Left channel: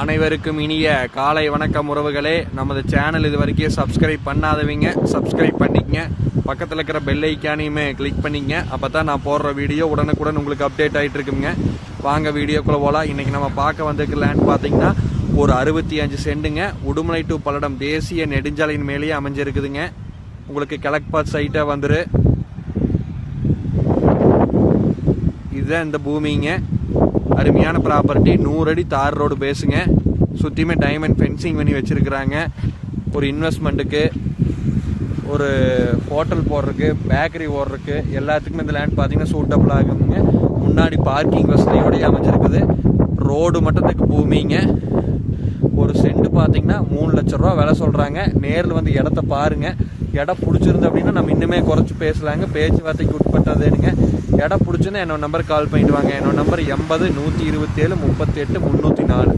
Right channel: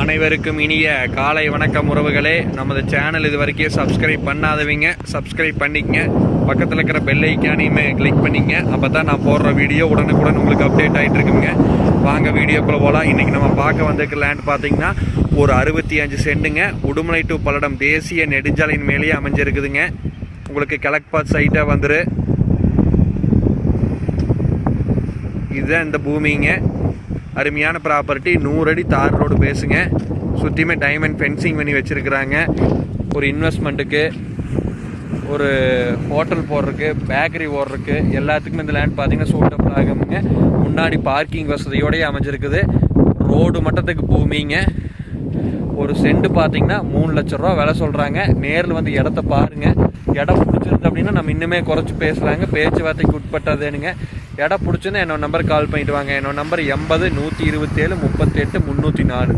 அனைவருக்கும் இனிய காலை வணக்கம் உறவுகளே. நமது சேனல் இது வரைக்கும் சப்ஸ்கிரைப் பண்ணாதவங்க சப்ஸ்கிரைப் பண்ணிக்கங்க. பக்கத்தில் இருக்கிற பெல் ஐக்கானையுமே கிளிக் பண்ணிக்கங்க. அப்போ தான் நான் போடுற வீடியோ உடனுக்குடன் உங்களுக்கு அப்டேட் ஆகிட்டு இருக்குங்க. வாங்க வீடியோக்குள்ளே போகலாம் இன்றைக்கி நம்ம பார்க்க வந்திருக்க லேண்ட் பார்த்தீங்கன்னா ஒரு அறுபத்தி அஞ்சு சென்டுங்க உடுமலை டு பல்லடம் தேசிய நெடுஞ்சாலையின் மேலேயே அமைஞ்சிருக்குதுங்க. உங்களுக்கு கிழக்கு சைட்டாக வந்துரு. இதுதான் இந்த பூமிங்க. அருமையான ப்ராப்பர்ட்டி நூறு அடி தார் ரோடு பேசுங்க. சுற்றியுமே டைமண்ட் ஃபென்சிங் பண்ணி வச்சுருக்குறாங்க. ஒரு இன்வெஸ்ட்மெண்ட்டுக்கு ஒரு ஹோட்டல் போடுறதுக்கு பேக்கரி ஓடுறதுக்கு எல்லாத்துக்குமே இந்த லேண்ட் பார்த்தீங்கன்னா சூட்டபிள் ஆகுங்க முன்னாடி பார்க்கிங் வசதியோடய அமைஞ்சிருக்குது. ரோடு மட்டத்துக்கு பூமிங்க. ஒரு செண்டு பார்த்தீங்கன்னா மூணு லட்ச ரூபா விலை சொல்கிறாங்க நேரில் வந்து இடத்த பாருங்கள் இடம் பிடிச்சிருந்து அப்படின்னா நம்ம இன்னுமே குறைச்சி பேசலாங்க. பேச்சுவார்த்தைக்கு உட்பட்டதுனுங்க இடம் பிடிச்சிருந்தா என்னோட நம்பர் கால் பண்ணிவிடுவாங்க என்னோட நம்பர் எண்பது நூற்றி இருபத்தேழு முப்பத்தெட்டு முந்நூற்றி நாலு.